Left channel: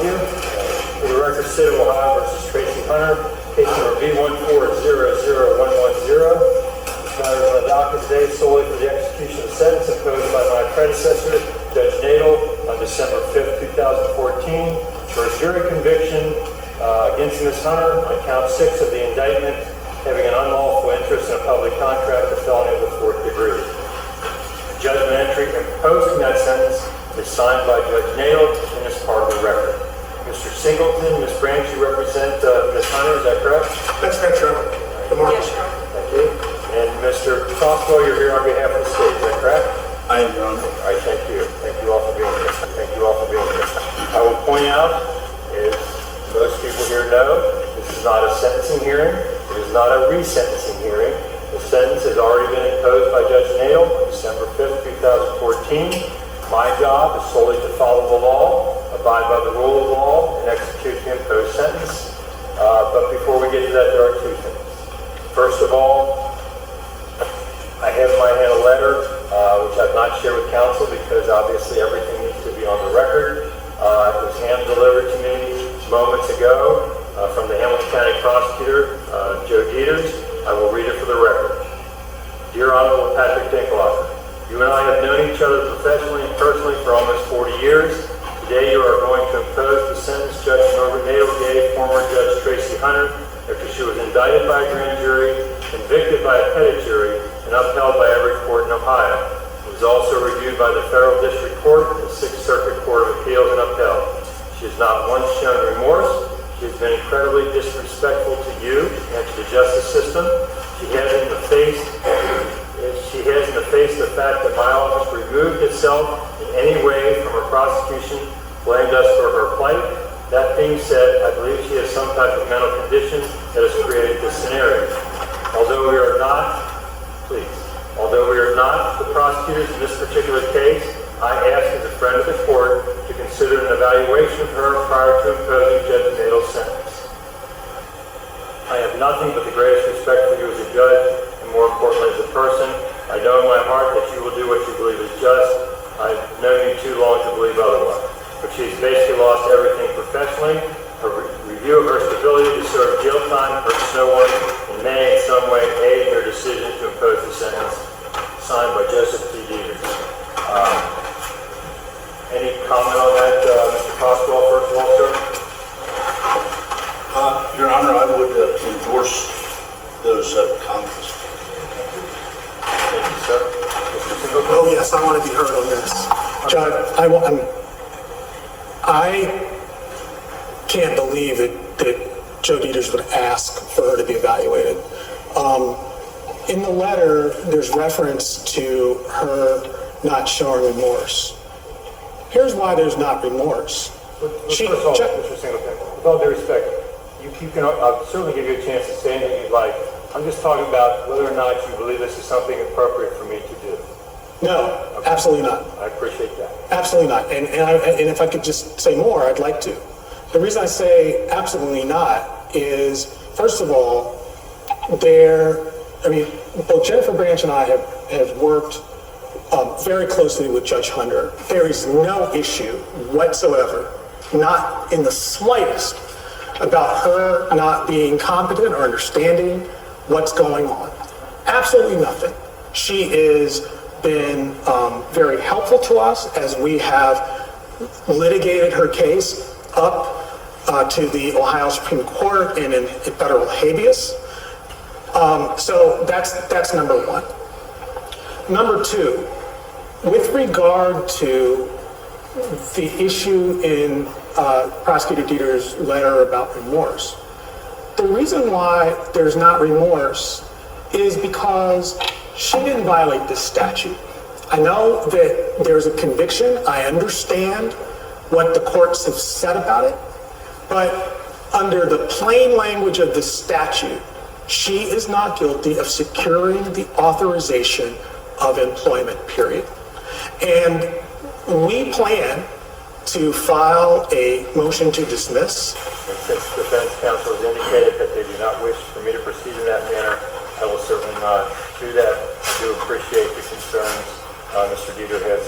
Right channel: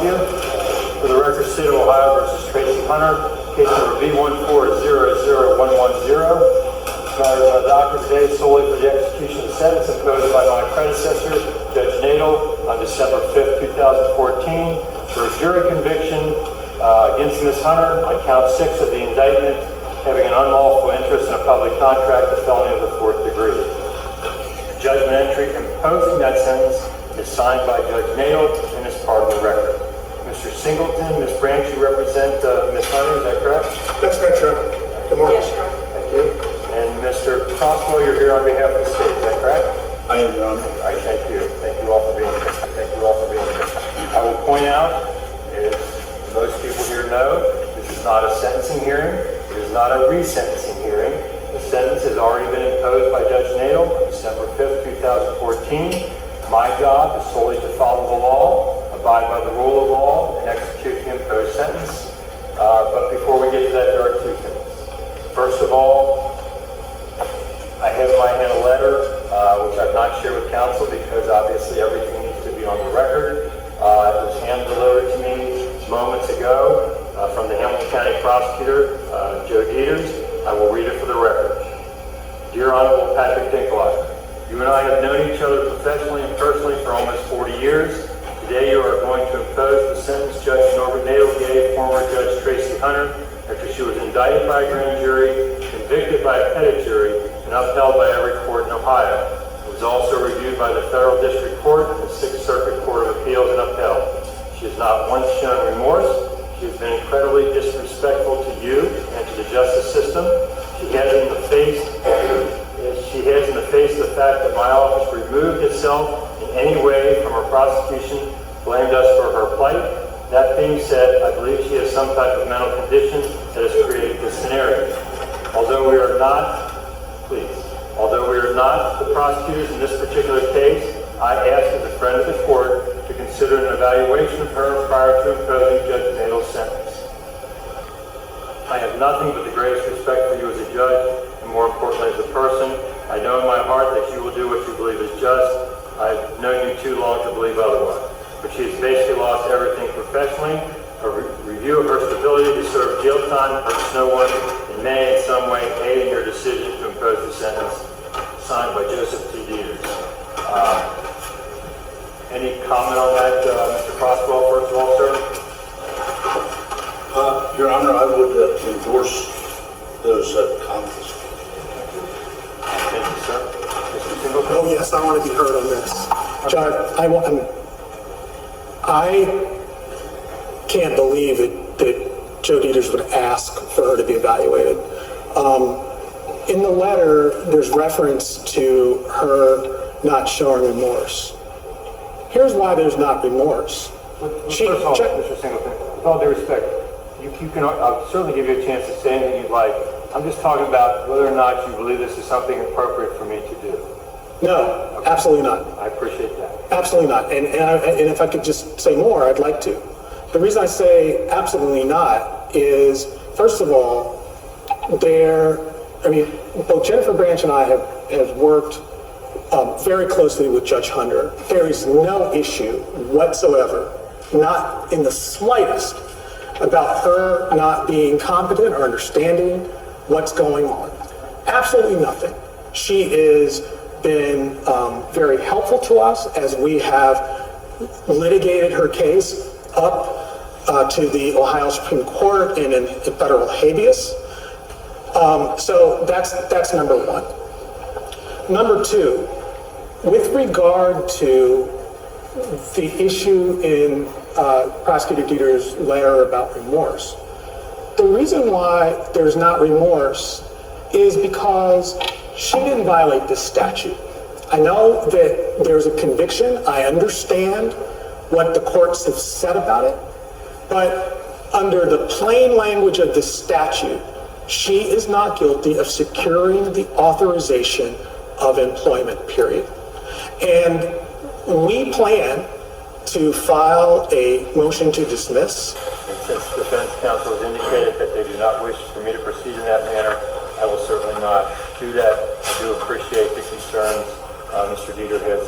of you. For the record, State of Ohio versus Tracy Hunter, case number B1400110. Matter of docket today solely for the execution of the sentence imposed by my predecessor, Judge Nadel, on December 5th, 2014, for a jury conviction against Ms. Hunter on count 6 of the indictment, having an unlawful interest in a public contract, a felony of the 4th degree. Judgment entry imposing that sentence is signed by Judge Nadel and is part of the record. Mr. Singleton, Ms. Branch, you represent Ms. Hunter, is that correct? That's correct, Your Honor. Good morning. Yes, Your Honor. Thank you. And Mr. Crosswell, you're here on behalf of the state, is that correct? I am, Your Honor. All right, thank you. Thank you all for being here. Thank you all for being here. I will point out, as most people here know, this is not a sentencing hearing. It is not a resentencing hearing. The sentence has already been imposed by Judge Nadel on December 5th, 2014. My job is solely to follow the law, abide by the rule of law, and execute the imposed sentence. But before we get to that, there are two things. First of all, I have in my hand a letter, which I've not shared with counsel because obviously everything needs to be on the record. It was hand-delivered to me moments ago from the Hamilton County Prosecutor, Joe Dieters. I will read it for the record. Dear Honorable Patrick Dinklager, you and I have known each other professionally and personally for almost 40 years. Today you are going to impose the sentence Judge Norbert Nadel gave former Judge Tracy Hunter after she was indicted by a grand jury, convicted by a petit jury, and upheld by every court in Ohio. It was also reviewed by the Federal District Court and the Sixth Circuit Court of Appeals and upheld. She has not once shown remorse. She has been incredibly disrespectful to you and to the justice system. She has in the face the fact that my office removed itself in any way from her prosecution, blamed us for her plight. That being said, I believe she has some type of mental condition that has created this scenario. Although we are not the prosecutors in this particular case, I ask as a friend of the court to consider an evaluation of her prior to imposing Judge Nadel's sentence. I have nothing but the greatest respect for you as a judge, and more importantly as a person. I know in my heart that you will do what you believe is just. I've known you too long to believe otherwise. But she has basically lost everything professionally. Her review of her stability to serve jail time hurts no one and may in some way aid in your decision to impose the sentence. Signed by Joseph T. Dieters. Any comment on that, Mr. Crosswell, first of all, sir? Your Honor, I would endorse those comments. Thank you, sir. Mr. Singleton? Oh, yes, I want to be heard on this. Judge, I can't believe that Joe Dieters would ask for her to be evaluated. In the letter, there's reference to her not showing remorse. Here's why there's not remorse. First of all, Mr. Singleton, with all due respect, you can, I'll certainly give you a chance to say anything you'd like. I'm just talking about whether or not you believe this is something appropriate for me to do. No, okay. Absolutely not. I appreciate that. Absolutely not. And if I could just say more, I'd like to. The reason I say absolutely not is, first of all, both Jennifer Branch and I have worked very closely with Judge Hunter. There is no issue whatsoever, not in the slightest, about her not being competent or understanding what's going on. Absolutely nothing. She has been very helpful to us as we have litigated her case up to the Ohio Supreme Court and in federal habeas. So that's number one. Number two, with regard to the issue in Prosecutor Dieters' letter about remorse, the reason why there's not remorse is because she didn't violate this statute. I know that there's a conviction. I understand what the courts have said about it, but under the plain language of the statute, she is not guilty of securing the authorization of employment, period. And we plan to file a motion to dismiss. And since the defense counsel has indicated that they do not wish for me to proceed in that manner, I will certainly not do that. I do appreciate the concerns Mr. Dieter has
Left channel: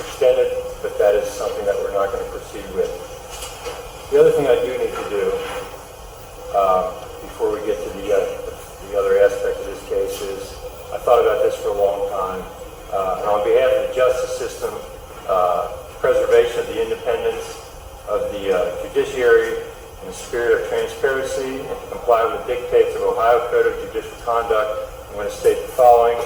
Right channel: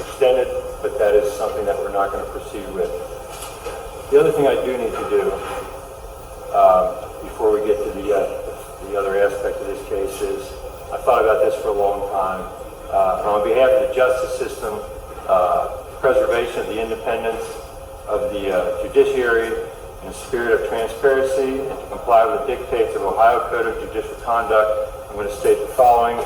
extended, but that is something that we're not going to proceed with. The other thing I do need to do before we get to the other aspect of this case is I thought about this for a long time, and on behalf of the justice system, preservation of the independence of the judiciary in the spirit of transparency and to comply with the dictates of Ohio Code of Judicial Conduct, I'm going to state the following.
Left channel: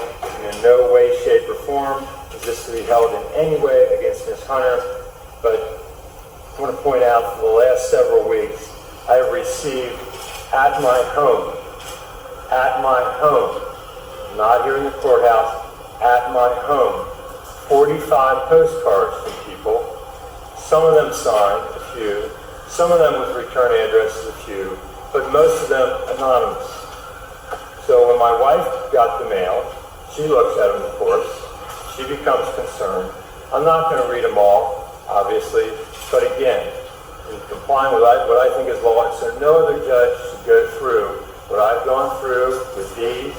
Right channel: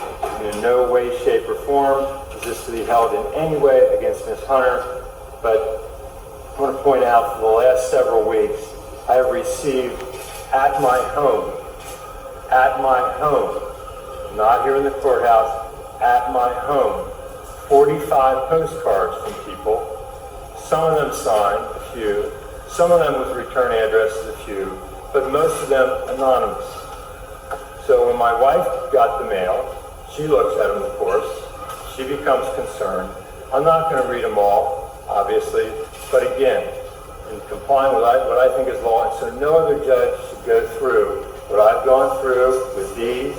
In no way, shape, or form is this to be held in any way against Ms. Hunter, but I want to point out for the last several weeks, I have received at my home, not here in the courthouse, at my home, 45 postcards from people. Some of them signed, a few. Some of them with return addresses, a few. But most of them anonymous. So when my wife got the mail, she looks at them, of course. She becomes concerned. I'm not going to read them all, obviously. But again, in complying with what I think is law, so no other judge should go through what I've gone through with these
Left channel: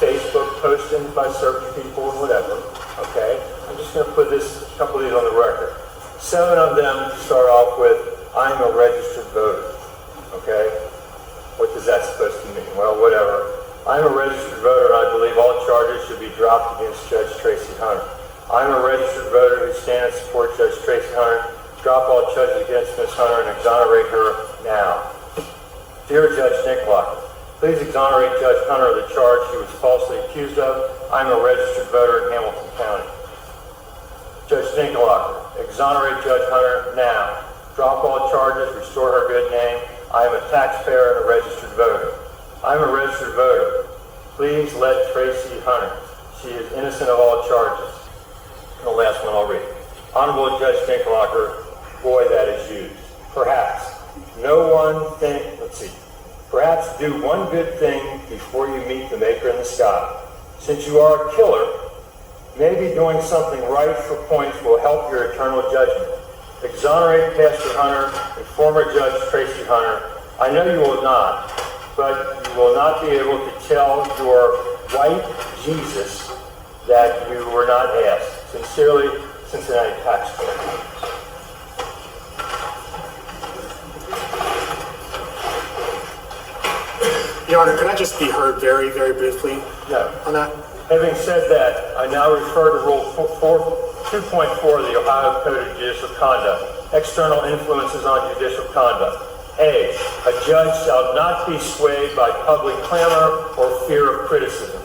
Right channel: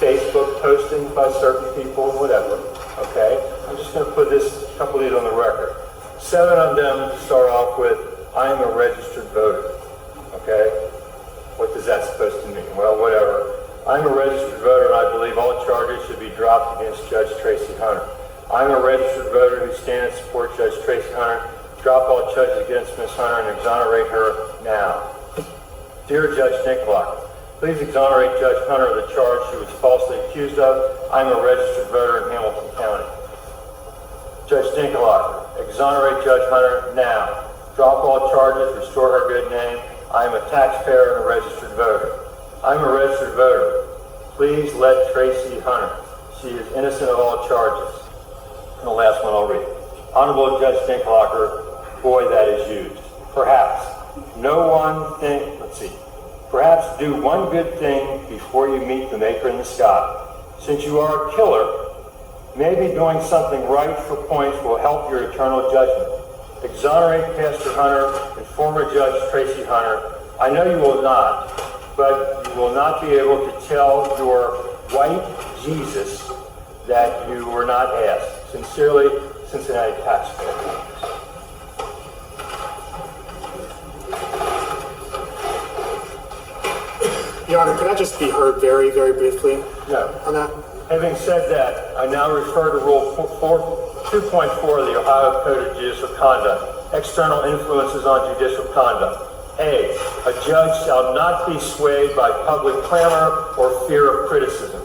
Facebook postings by certain people, whatever, okay? I'm just going to put a couple of these on the record. 7 of them start off with, I'm a registered voter, okay? What is that supposed to mean? Well, whatever. I'm a registered voter, and I believe all charges should be dropped against Judge Tracy Hunter. I'm a registered voter who stands to support Judge Tracy Hunter. Drop all charges against Ms. Hunter and exonerate her now. Dear Judge Nicklocker, please exonerate Judge Hunter of the charge she was falsely accused of. I'm a registered voter in Hamilton County. Judge Nicklocker, exonerate Judge Hunter now. Drop all charges, restore her good name. I am a taxpayer and a registered voter. I'm a registered voter. Please let Tracy Hunter. She is innocent of all charges. And the last one I'll read. Honorable Judge Nicklocker, boy, that is used. Perhaps perhaps do one good thing before you meet the maker in the sky. Since you are a killer, maybe doing something right for points will help your eternal judgment. Exonerate Pastor Hunter and former Judge Tracy Hunter. I know you will not, but you will not be able to tell your white Jesus that you were not asked. Sincerely, Cincinnati taxpayer. Your Honor, could I just be heard very, very briefly No. on that? Having said that, I now refer to Rule 2.4 of the Ohio Code of Judicial Conduct, external influences on judicial conduct. A judge shall not be swayed by public clamor or fear of criticism.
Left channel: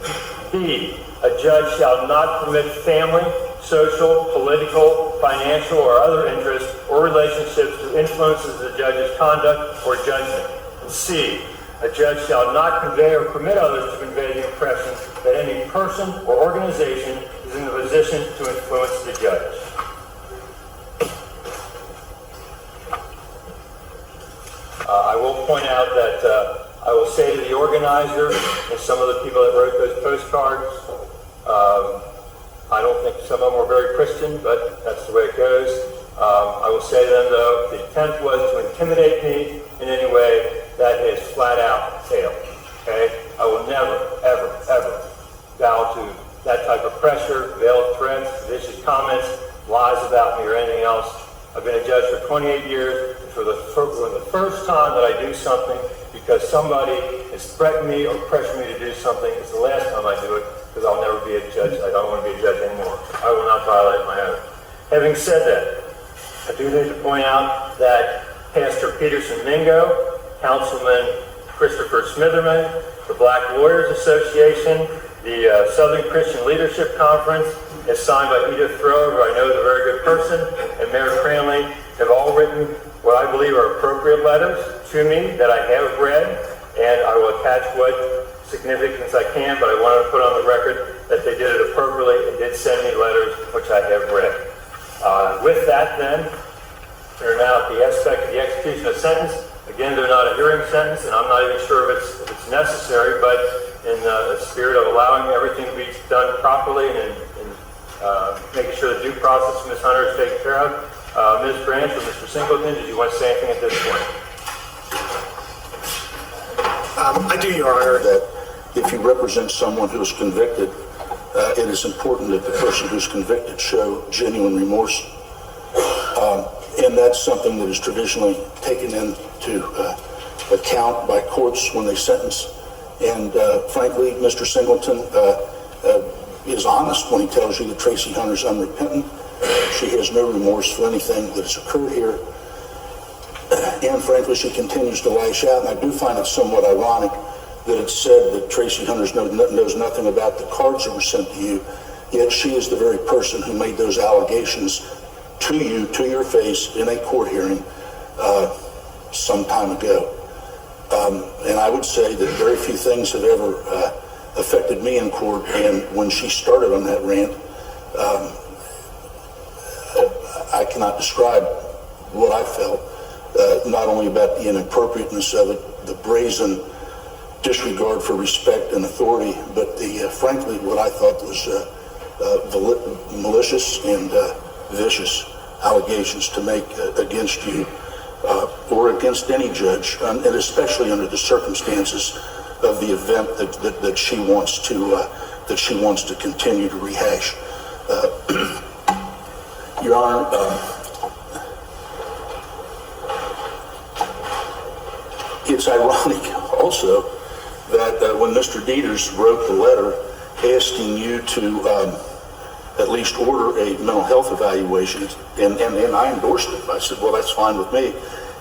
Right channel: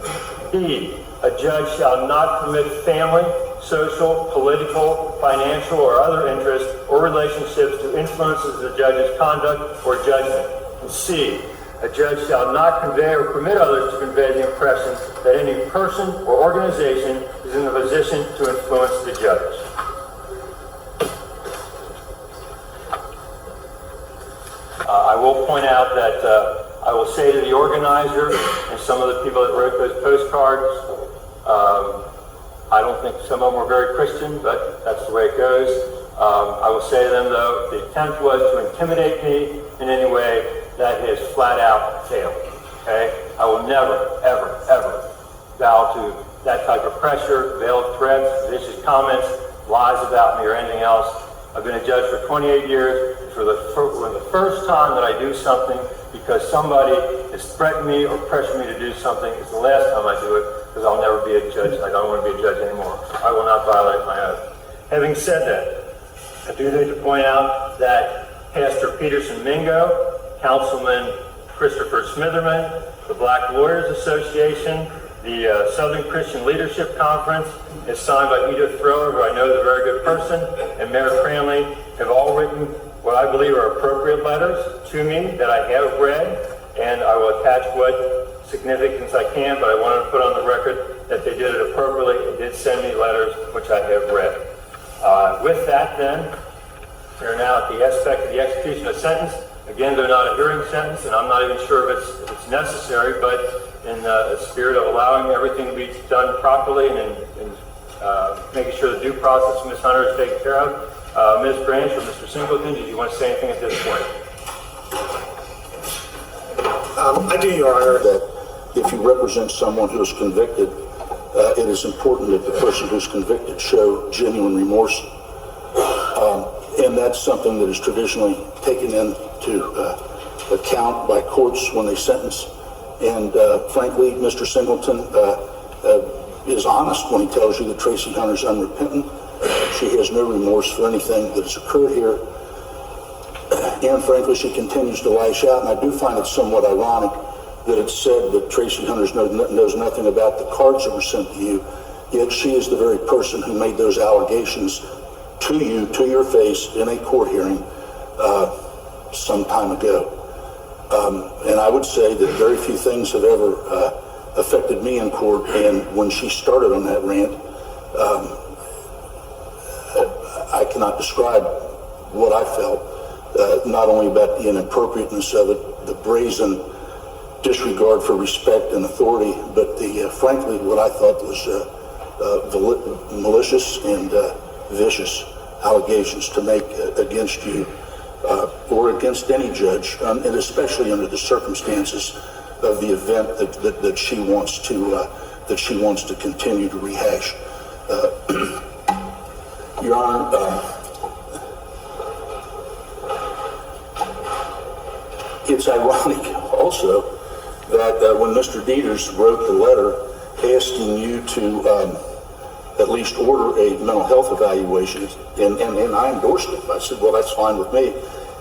B, a judge shall not permit family, social, political, financial, or other interests or relationships to influence the judge's conduct or judgment. And C, a judge shall not convey or permit others to convey the impression that any person or organization is in the position to influence the judge. I will point out that I will say to the organizer and some of the people that wrote those postcards, I don't think some of them were very Christian, but that's the way it goes. I will say to them, though, the attempt was to intimidate me in any way. That has flat out failed. Okay? I will never, ever, ever bow to that type of pressure, veiled threats, vicious comments, lies about me, or anything else. I've been a judge for 28 years. For the first time that I do something because somebody has threatened me or pressured me to do something, it's the last time I do it because I'll never be a judge. I don't want to be a judge anymore. I will not violate my oath. Having said that, I do need to point out that Pastor Peterson Mingo, Councilman Christopher Smitherman, the Black Lawyers Association, the Southern Christian Leadership Conference, as signed by Edith Thriller, who I know is a very good person, and Mayor Cranley, have all written what I believe are appropriate letters to me that I have read, and I will attach what significance I can, but I wanted to put on the record that they did it appropriately and did send me letters which I have read. With that, then, we're now at the aspect of the execution of sentence. Again, they're not a hearing sentence, and I'm not even sure if it's necessary, but in the spirit of allowing everything to be done properly and making sure the due process of Ms. Hunter is taken care of, Ms. Branch or Mr. Singleton, did you want to say anything at this point? I do, Your Honor. That if you represent someone who is convicted, it is important that the person who's convicted show genuine remorse. again, that's something that is traditionally taken into account by courts when they sentence. And frankly, Mr. Singleton is honest when he tells you that Tracy Hunter's unrepentant. She has no remorse for anything that has occurred here. And frankly, she continues to lash out. And I do find it somewhat ironic that it's said that Tracy Hunter knows nothing about the cards that were sent to you, yet she is the very person who made those allegations to you, to your face, in a court hearing some time ago. And I would say that very few things have ever affected me in court, and when she started on that rant, I cannot describe what I felt, not only about the inappropriateness of it, the brazen disregard for respect and authority, but the frankly what I thought was malicious and vicious allegations to make against you or against any judge, and especially under the circumstances of the event that she wants to continue to rehash. Your Honor, it's ironic also that when Mr. Dieters wrote the letter asking you to at least order a mental health evaluation, and I endorsed it. I said, well, that's fine with me.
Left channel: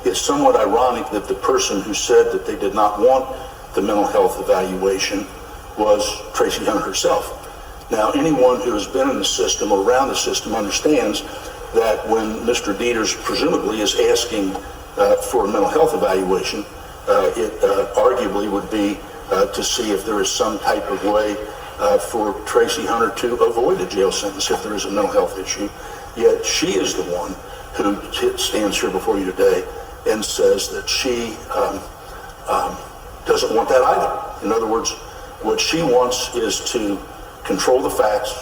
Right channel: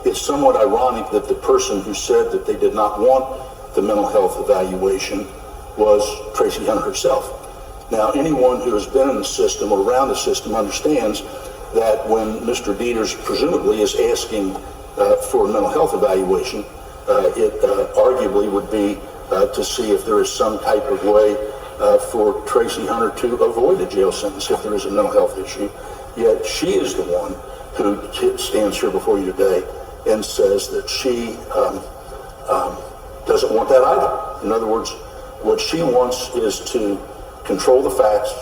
It's somewhat ironic that the person who said that they did not want the mental health evaluation was Tracy Hunter herself. Now, anyone who has been in the system or around the system understands that when Mr. Dieters presumably is asking for a mental health evaluation, it arguably would be to see if there is some type of way for Tracy Hunter to avoid a jail sentence if there is a mental health issue. Yet she is the one who stands here before you today and says that she doesn't want that either. In other words, what she wants is to control the facts.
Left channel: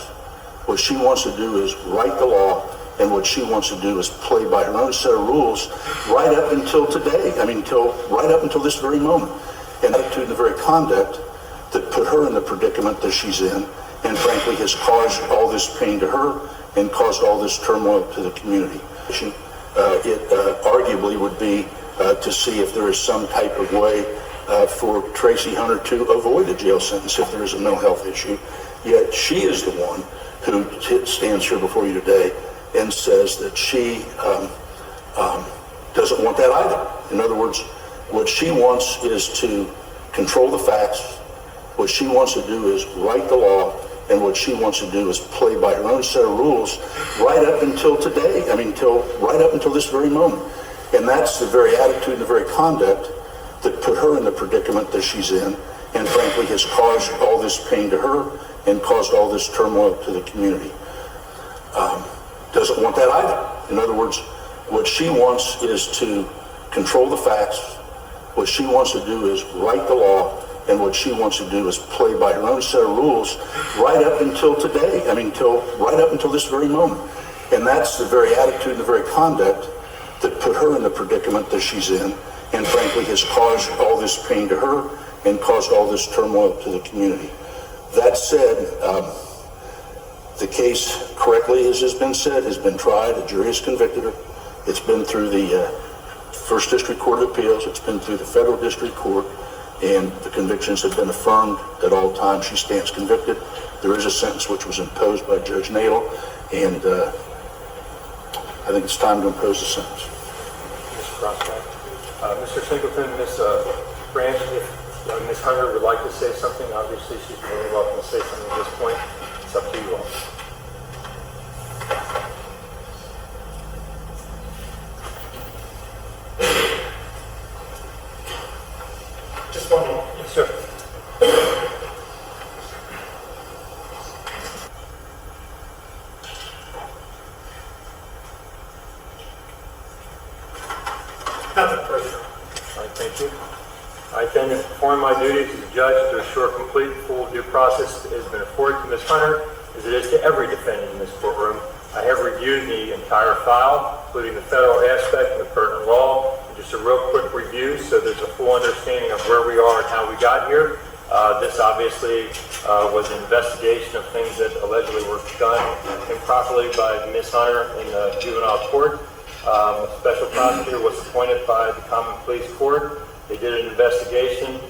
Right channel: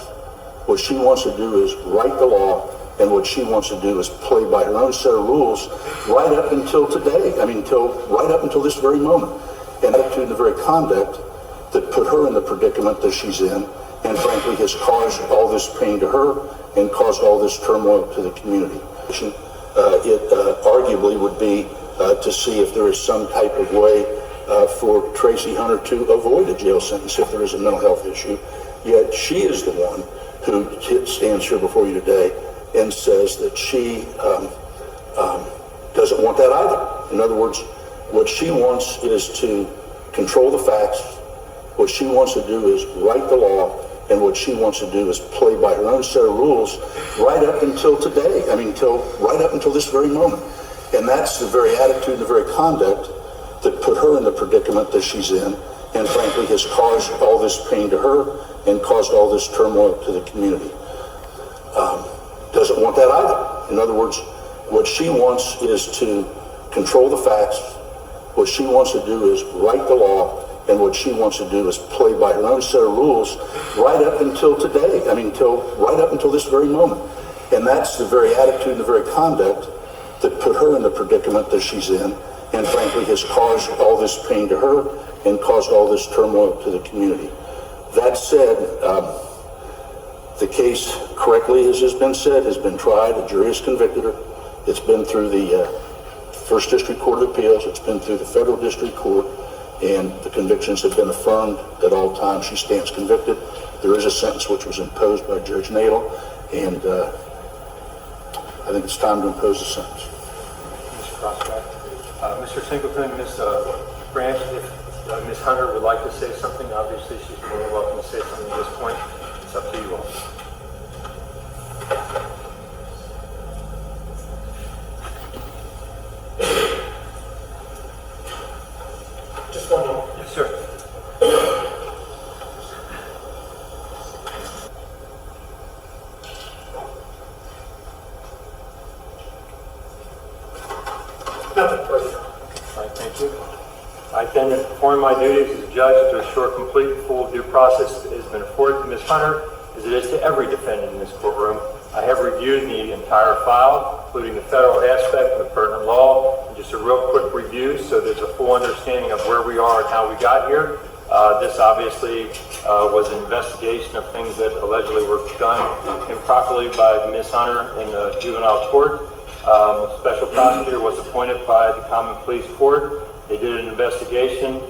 What she wants to do is write the law, and what she wants to do is play by her own set of rules right up until today. Right up until this very moment. And up to the very conduct that put her in the predicament that she's in, and frankly has caused all this pain to her and caused all this turmoil to the community. It arguably would be to see if there is some type of way for Tracy Hunter to avoid a jail sentence if there is a mental health issue. Yet she is the one who stands here before you today and says that she doesn't want that either. In other words, what she wants is to control the facts. What she wants to do is write the law, and what she wants to do is play by her own set of rules right up until today. Right up until this very moment. And that's the very attitude and the very conduct that put her in the predicament that she's in, and frankly has caused all this pain to her and caused all this turmoil to the community. Doesn't want that either. In other words, what she wants is to control the facts. What she wants to do is write the law, and what she wants to do is play by her own set of rules right up until today. Right up until this very moment. And that's the very attitude and the very conduct that put her in the predicament that she's in, and frankly has caused all this pain to her and caused all this turmoil to the community. That said, the case, correctly as has been said, has been tried. A jury has convicted her. It's been through the First District Court of Appeals. It's been through the Federal District Court, and the convictions have been affirmed at all times. She stands convicted. There is a sentence which was imposed by Judge Nadel, and I think it's time to impose a sentence. Mr. Crossback. Mr. Singleton, Ms. Branch, if Ms. Hunter would like to say something, obviously she's more than welcome to say something at this point. It's up to you all. Just one minute. Yes, sir. Nothing further. All right, thank you. I intend to perform my duties as a judge to assure complete and full due process has been afforded to Ms. Hunter, as it is to every defendant in this courtroom. I have reviewed the entire file, including the federal aspect of the pertinent law, and just a real quick review so there's a full understanding of where we are and how we got here. This obviously was an investigation of things that allegedly were done improperly by Ms. Hunter in the juvenile court. A special prosecutor was appointed by the Common Pleas Court. They did an investigation.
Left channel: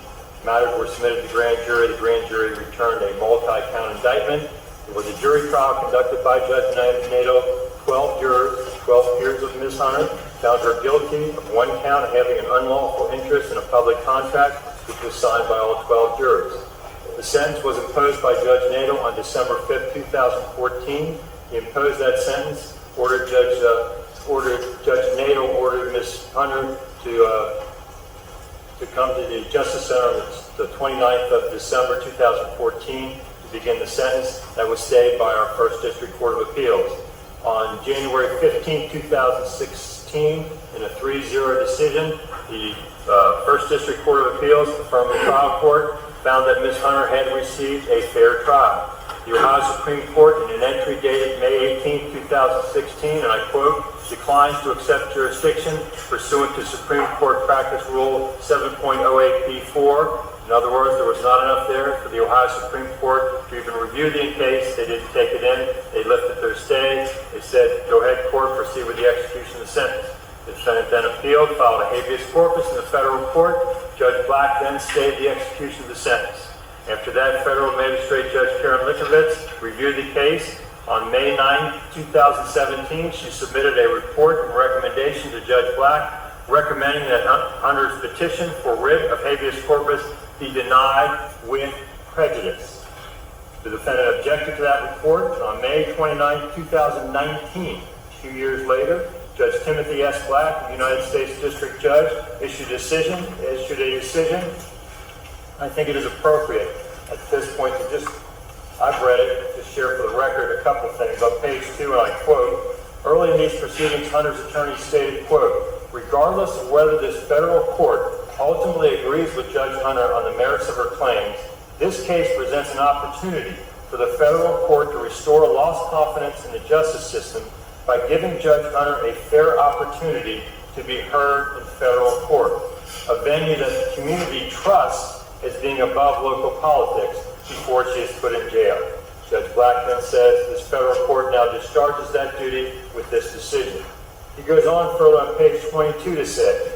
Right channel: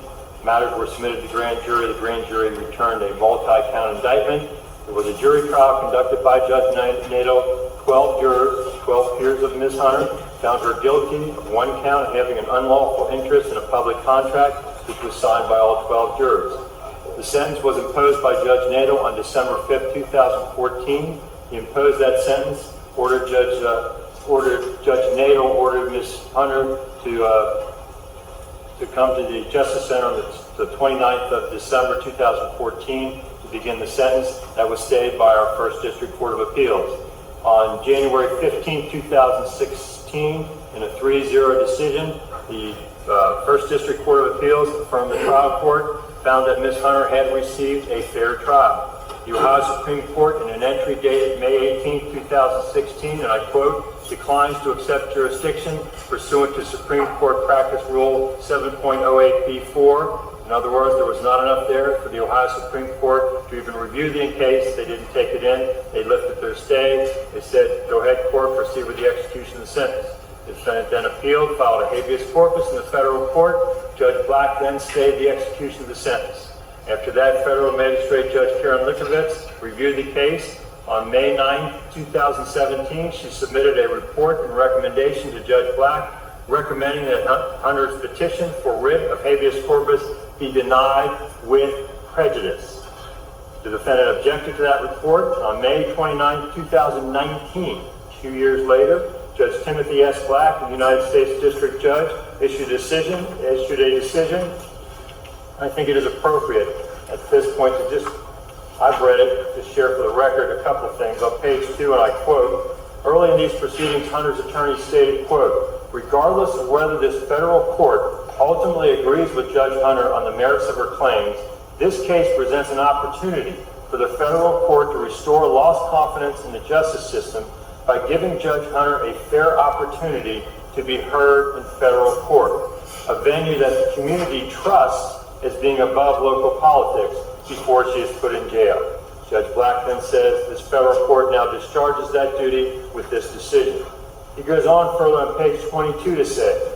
Matters were submitted to the grand jury. The grand jury returned a multi-count indictment. There was a jury trial conducted by Judge Nato. 12 jurors, 12 peers of Ms. Hunter, found her guilty of one count of having an unlawful interest in a public contract, which was signed by all 12 jurors. The sentence was imposed by Judge Nato on December 5th, 2014. He imposed that sentence, Judge Nato ordered Ms. Hunter to come to the Justice Center on the 29th of December 2014 to begin the sentence. That was stayed by our First District Court of Appeals. On January 15, 2016, in a 3-0 decision, the First District Court of Appeals affirmed the trial court found that Ms. Hunter had received a fair trial. The Ohio Supreme Court, in an entry dated May 18, 2016, and I quote, declines to accept jurisdiction pursuant to Supreme Court Practice Rule 7.08b4. In other words, there was not enough there for the Ohio Supreme Court to even review the case. They didn't take it in. They lifted their stay. They said, go ahead, court, proceed with the execution of the sentence. The defendant then appealed, filed a habeas corpus in the federal court. Judge Black then stayed the execution of the sentence. After that, federal magistrate Judge Karen Likovitz reviewed the case. On May 9, 2017, she submitted a report and recommendation to Judge Black recommending that Hunter's petition for writ of habeas corpus be denied with prejudice. The defendant objected to that report. On May 29, 2019, 2 years later, Judge Timothy S. Black, the United States District Judge, issued a decision. I think it is appropriate at this point to just, I've read it, to share for the record a couple of things. On page 2, and I quote, early in these proceedings, Hunter's attorney stated, quote, regardless of whether this federal court ultimately agrees with Judge Hunter on the merits of her claims, this case presents an opportunity for the federal court to restore lost confidence in the justice system by giving Judge Hunter a fair opportunity to be heard in federal court, a venue that the community trusts as being above local politics before she is put in jail. Judge Black then says this federal court now discharges that duty with this decision. He goes on further on page 22 to say,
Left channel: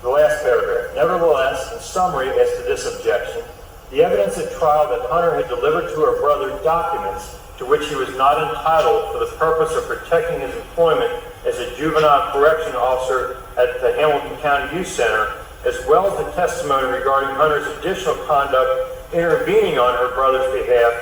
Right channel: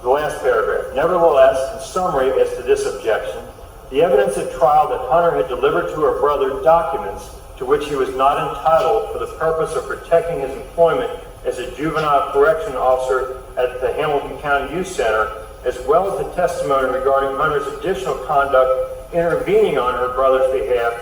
the last paragraph, nevertheless, in summary as to this objection, the evidence at trial that Hunter had delivered to her brother documents to which he was not entitled for the purpose of protecting his employment as a juvenile correction officer at the Hamilton County Youth Center, as well as the testimony regarding Hunter's additional conduct intervening on her brother's behalf,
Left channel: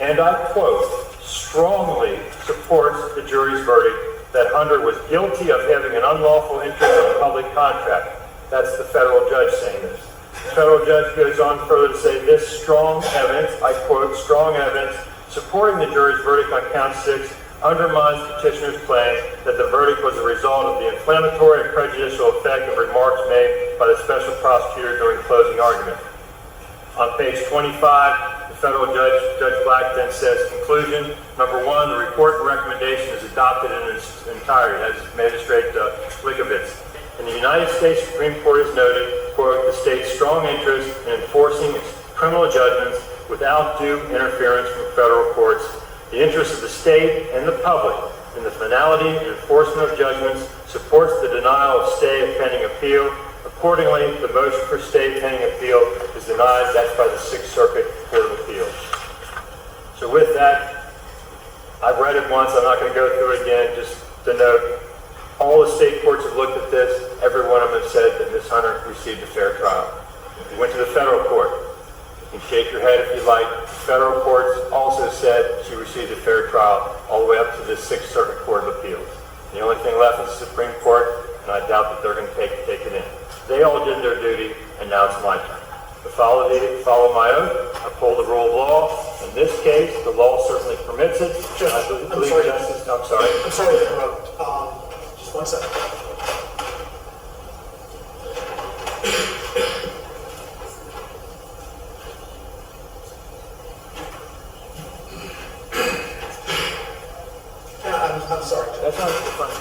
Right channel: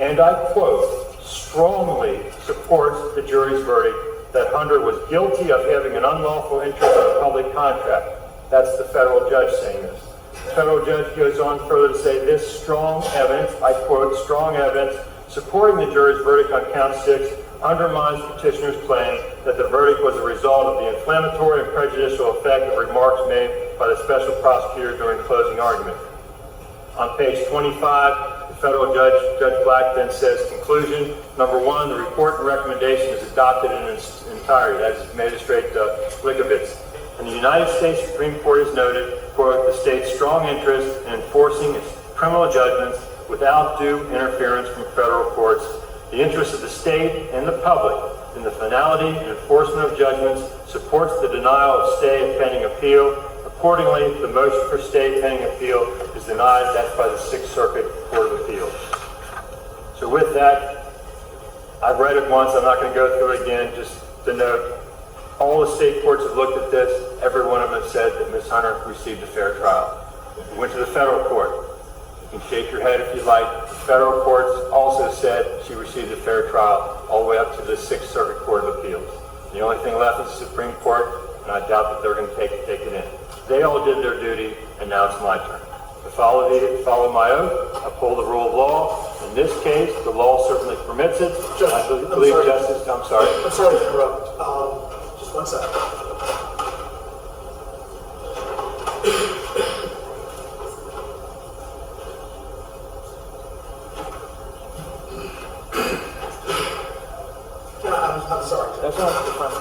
and I quote, strongly supports the jury's verdict that Hunter was guilty of having an unlawful interest in a public contract. That's the federal judge saying this. The federal judge goes on further to say this strong evidence, I quote, strong evidence supporting the jury's verdict on count 6 undermines petitioner's claim that the verdict was a result of the inflammatory and prejudicial effect of remarks made by the special prosecutor during closing argument. On page 25, the federal judge, Judge Black, then says, conclusion, number 1, the report and recommendation is adopted in its entirety. That's Magistrate Likovitz. And the United States Supreme Court has noted, quote, the state's strong interest in enforcing its criminal judgments without due interference from federal courts. The interest of the state and the public in the finality and enforcement of judgments supports the denial of stay of pending appeal. Accordingly, the motion for stay pending appeal is denied. That's by the Sixth Circuit Court of Appeals. So with that, I've read it once. I'm not going to go through it again. Just to note, all the state courts have looked at this. Every one of them said that Ms. Hunter received a fair trial. We went to the federal court. You can shake your head if you like. The federal courts also said she received a fair trial all the way up to the Sixth Circuit Court of Appeals. The only thing left is the Supreme Court, and I doubt that they're going to take it in. They all did their duty, and now it's my turn. To follow my oath, uphold the rule of law. In this case, the law certainly permits it. I believe justice. I'm sorry. I'm sorry to interrupt. Just 1 second. I'm sorry. That's not fine.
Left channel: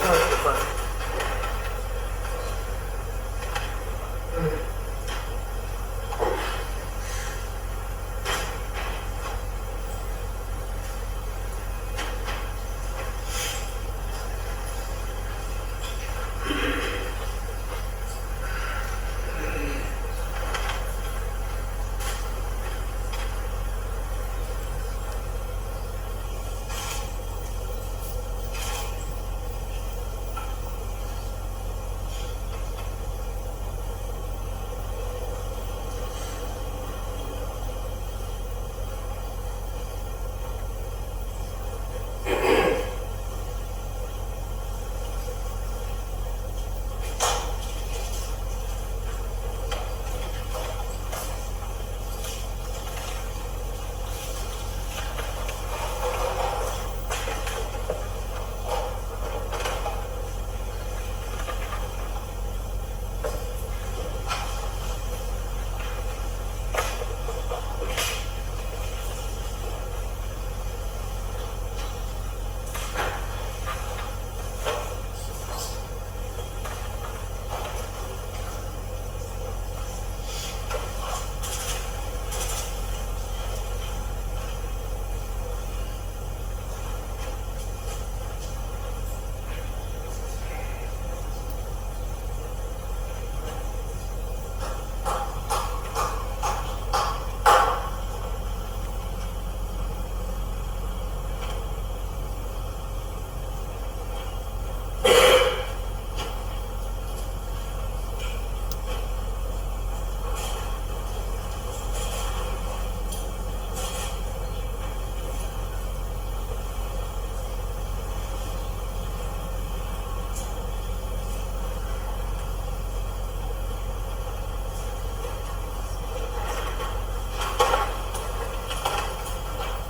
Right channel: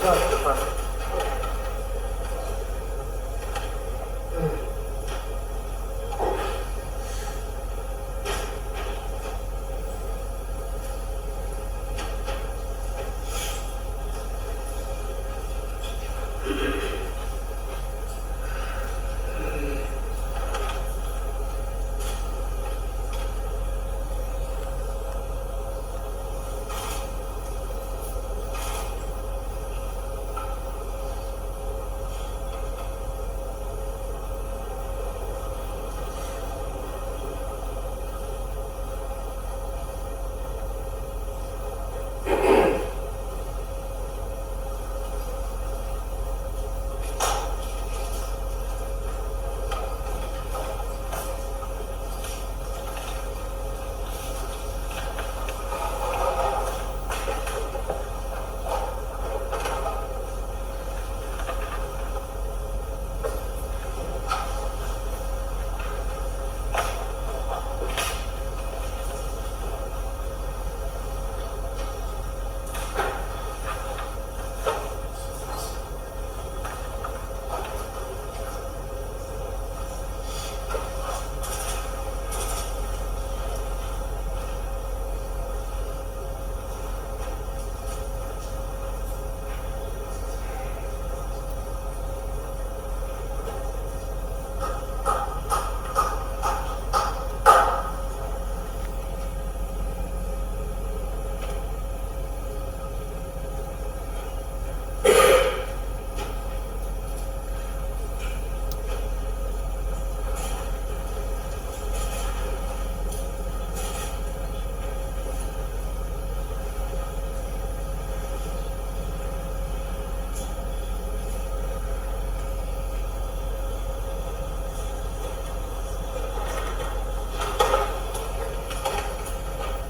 That's fine, that's fine.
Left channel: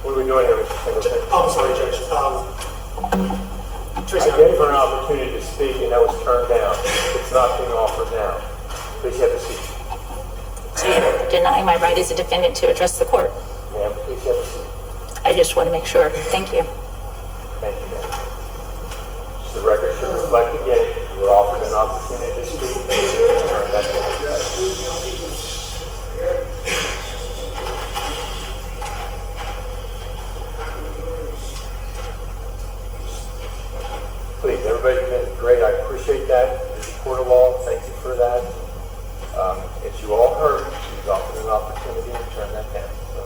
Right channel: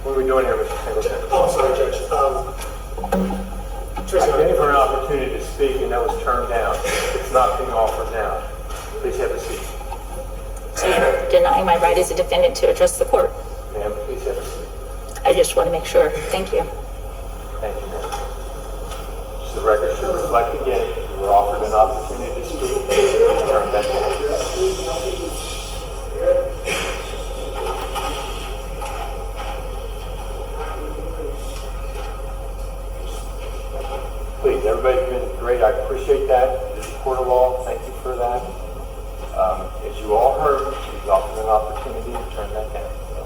What are we doing here, Mr. Singleton? Oh, I'm sorry, Judge. I gave her an opportunity to speak and that was turned down. It's not being offered now. Please have a seat. So you're denying my right as a defendant to address the court? Ma'am, please have a seat. I just want to make sure. Thank you. Thank you, ma'am. Just the record should reflect again, you were offered an opportunity to speak and you turned that down. Please, everybody's been great. I appreciate that. This is a court of law. Thank you for that. As you all heard, she's offered an opportunity to turn that down. So,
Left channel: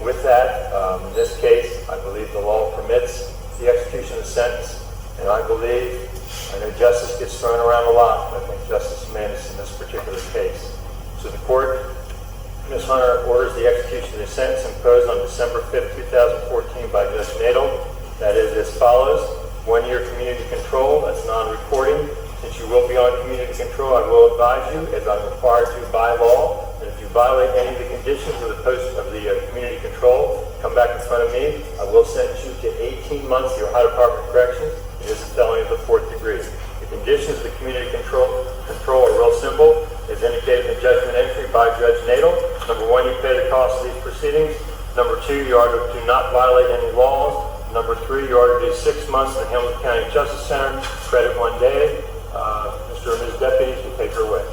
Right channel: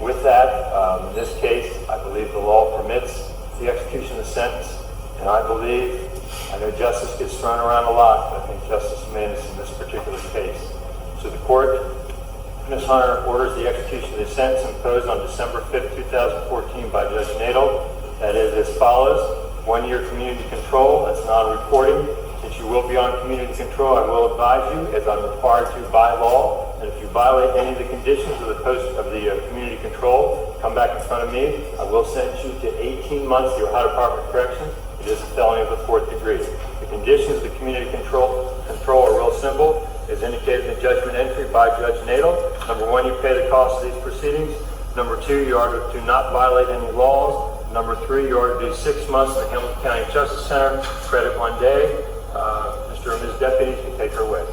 with that, in this case, I believe the law permits the execution of the sentence, and I know justice gets thrown around a lot, but I think justice demands in this particular case. So the court, Ms. Hunter, orders the execution of the sentence imposed on December 5th, 2014 by Judge Nadel. That is as follows: 1 year community control, that's non-reporting. Since you will be on community control, I will advise you, as I'm required to by law, that if you violate any of the conditions of the community control, come back in front of me. I will sentence you to 18 months in the Ohio Department of Corrections. It is a felony of the 4th degree. The conditions of the community control are real simple, as indicated in the judgment entry by Judge Nadel. Number 1, you pay the cost of these proceedings. Number 2, you are to not violate any laws. Number 3, you are to do 6 months in the Hamilton County Justice Center, credit 1 day. Mr. and Ms. Deputies, you take her away.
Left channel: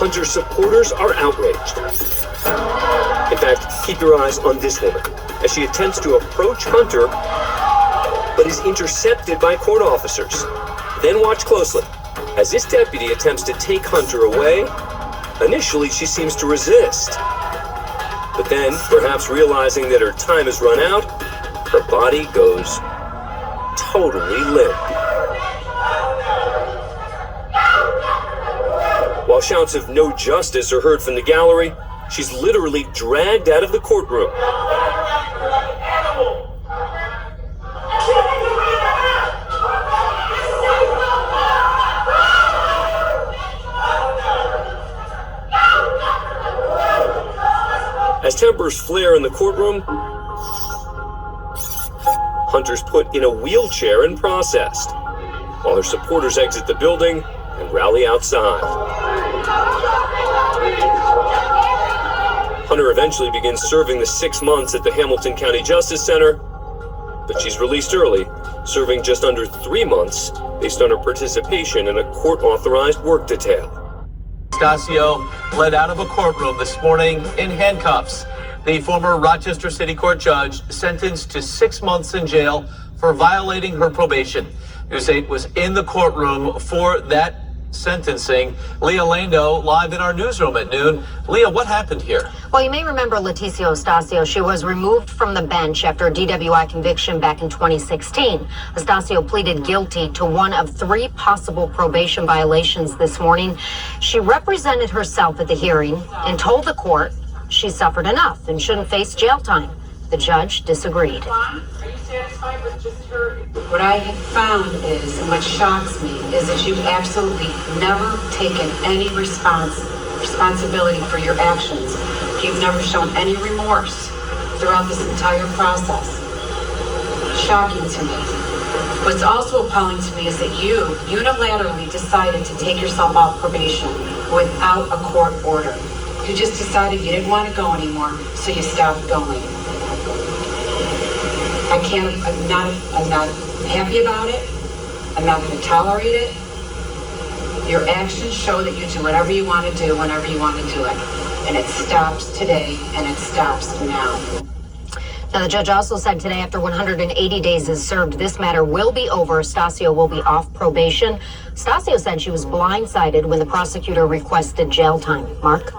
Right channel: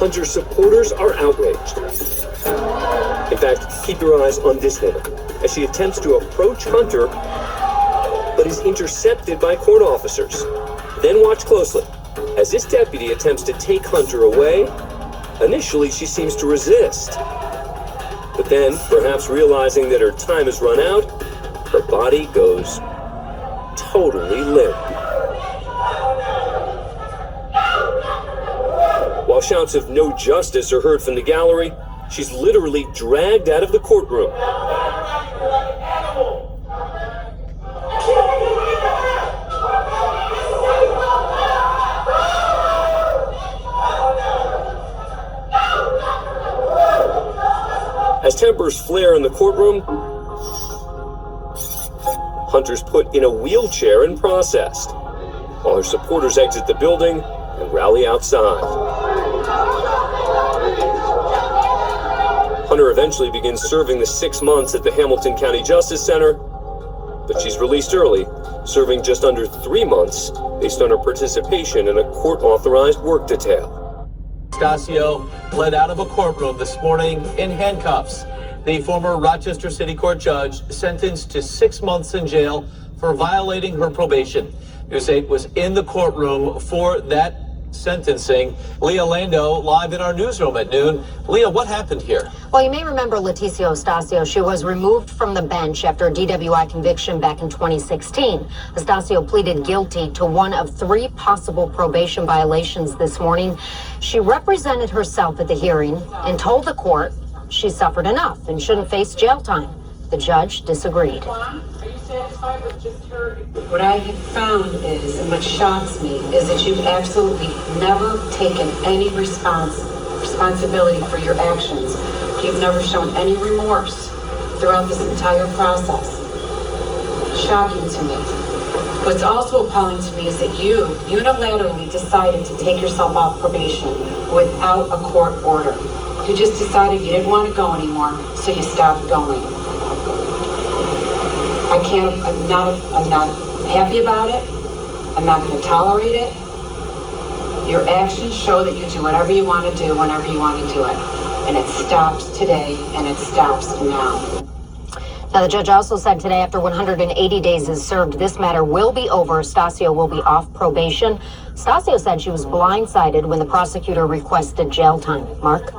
Hunter's supporters are outraged. In fact, keep your eyes on this woman as she attempts to approach Hunter, but is intercepted by court officers. Then watch closely. As this deputy attempts to take Hunter away, initially she seems to resist. But then, perhaps realizing that her time has run out, her body goes totally limp. While shouts of "no justice" are heard from the gallery, she's literally dragged out of the courtroom. As tempers flare in the courtroom, Hunter's put in a wheelchair and processed, while her supporters exit the building and rally outside. Hunter eventually begins serving the 6 months at the Hamilton County Justice Center, but she's released early, serving just under 3 months based on her participation in a court-authorized work detail. Stasio led out of a courtroom this morning in handcuffs. The former Rochester City Court judge sentenced to 6 months in jail for violating her probation. News 8 was in the courtroom for that sentencing. Leah Lando live in our newsroom at noon. Leah, what happened here? Well, you may remember Leticia Stasio. She was removed from the bench after a DWI conviction back in 2016. Stasio pleaded guilty to one of 3 possible probation violations this morning. She represented herself at the hearing and told the court she suffered enough and shouldn't face jail time. The judge disagreed. Are you satisfied with just her? What I have found is, and what shocks me, is that you've absolutely never taken any responsibility for your actions. You've never shown any remorse throughout this entire process. Shocking to me. What's also appalling to me is that you unilaterally decided to take yourself off probation without a court order. You just decided you didn't want to go anymore, so you stopped going. I'm not happy about it. I'm not going to tolerate it. Your actions show that you do whatever you want to do whenever you want to do it. And it stops today, and it stops now. Now, the judge also said today, after 180 days is served, this matter will be over. Stasio will be off probation. Stasio said she was blindsided when the prosecutor requested jail time. Mark?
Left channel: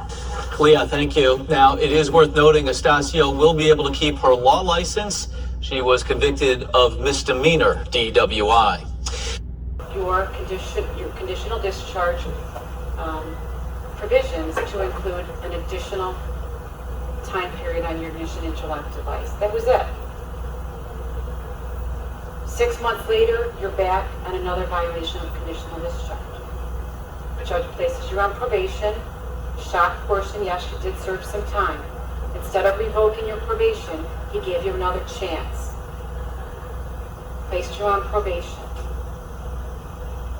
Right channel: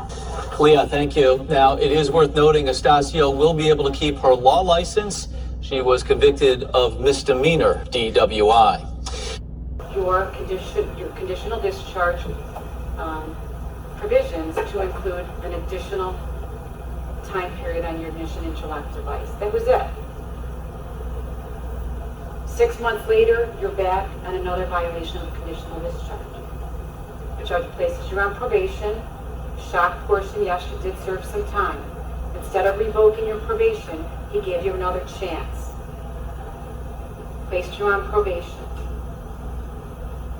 Leah, thank you. Now, it is worth noting Stasio will be able to keep her law license. She was convicted of misdemeanor DWI. Your conditional discharge provisions to include an additional time period on your ignition interlock device. That was it. 6 months later, you're back on another violation of conditional discharge. The judge places you on probation. Shock portion, yes, you did serve some time. Instead of revoking your probation, he gave you another chance. Placed you on probation.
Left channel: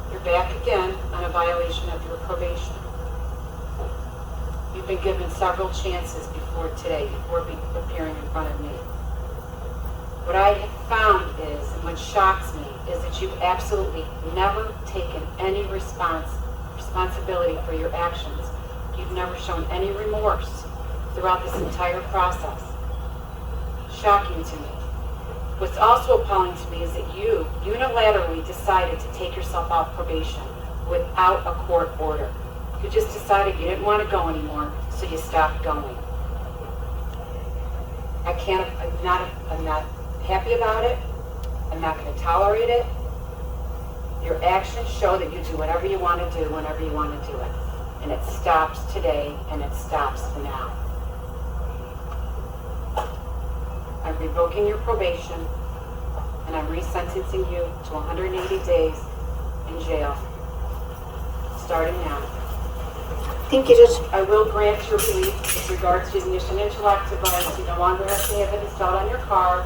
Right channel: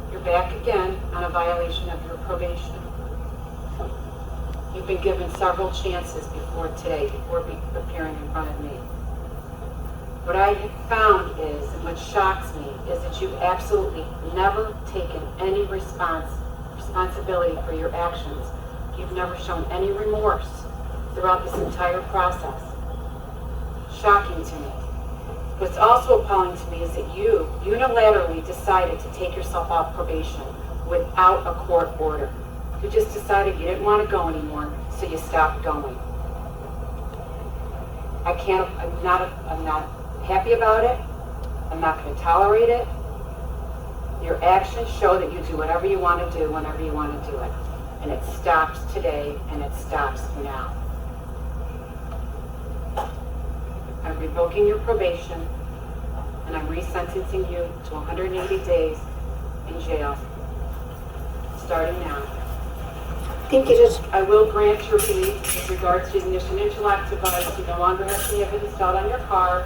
You're back again on a violation of your probation. You've been given several chances before today, before appearing in front of me. What I have found is, and what shocks me, is that you've absolutely never taken any responsibility for your actions. You've never shown any remorse throughout this entire process. Shocking to me. What's also appalling to me is that you unilaterally decided to take yourself off probation without a court order. You just decided you didn't want to go anymore, so you stopped going. I'm not happy about it. I'm not going to tolerate it. Your actions show that you do whatever you want to do whenever you want to do it. And it stops today, and it stops now. I'm revoking your probation, and I'm resentencing you to 180 days in jail, starting now. Thank you, Judge. I will grant your relief with regards to the ignition interlock device. You no longer have to have it installed on your car.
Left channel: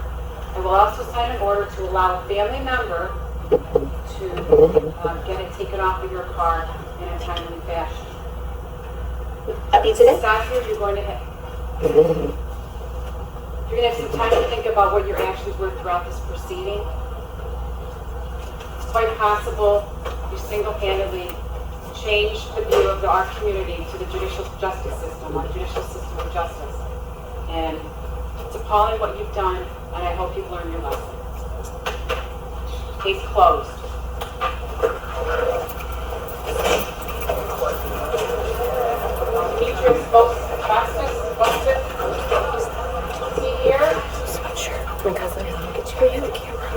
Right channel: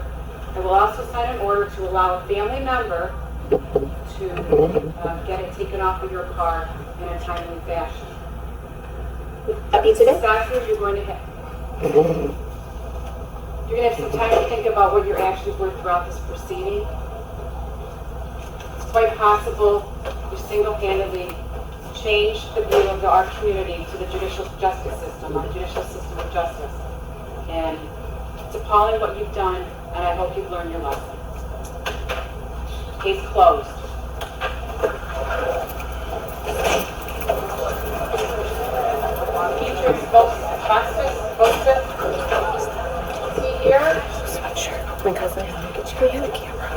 I will also sign an order to allow a family member to get it taken off of your car in a timely fashion. Stasio, you're going to have some time to think about what your actions were throughout this proceeding. It's quite possible you single-handedly changed the view of our community to the judicial justice system, or the judicial system of justice. And it's appalling what you've done, and I hope you've learned your lesson. Case closed. Future supposed to see here. My cousin, I'll get you behind the camera.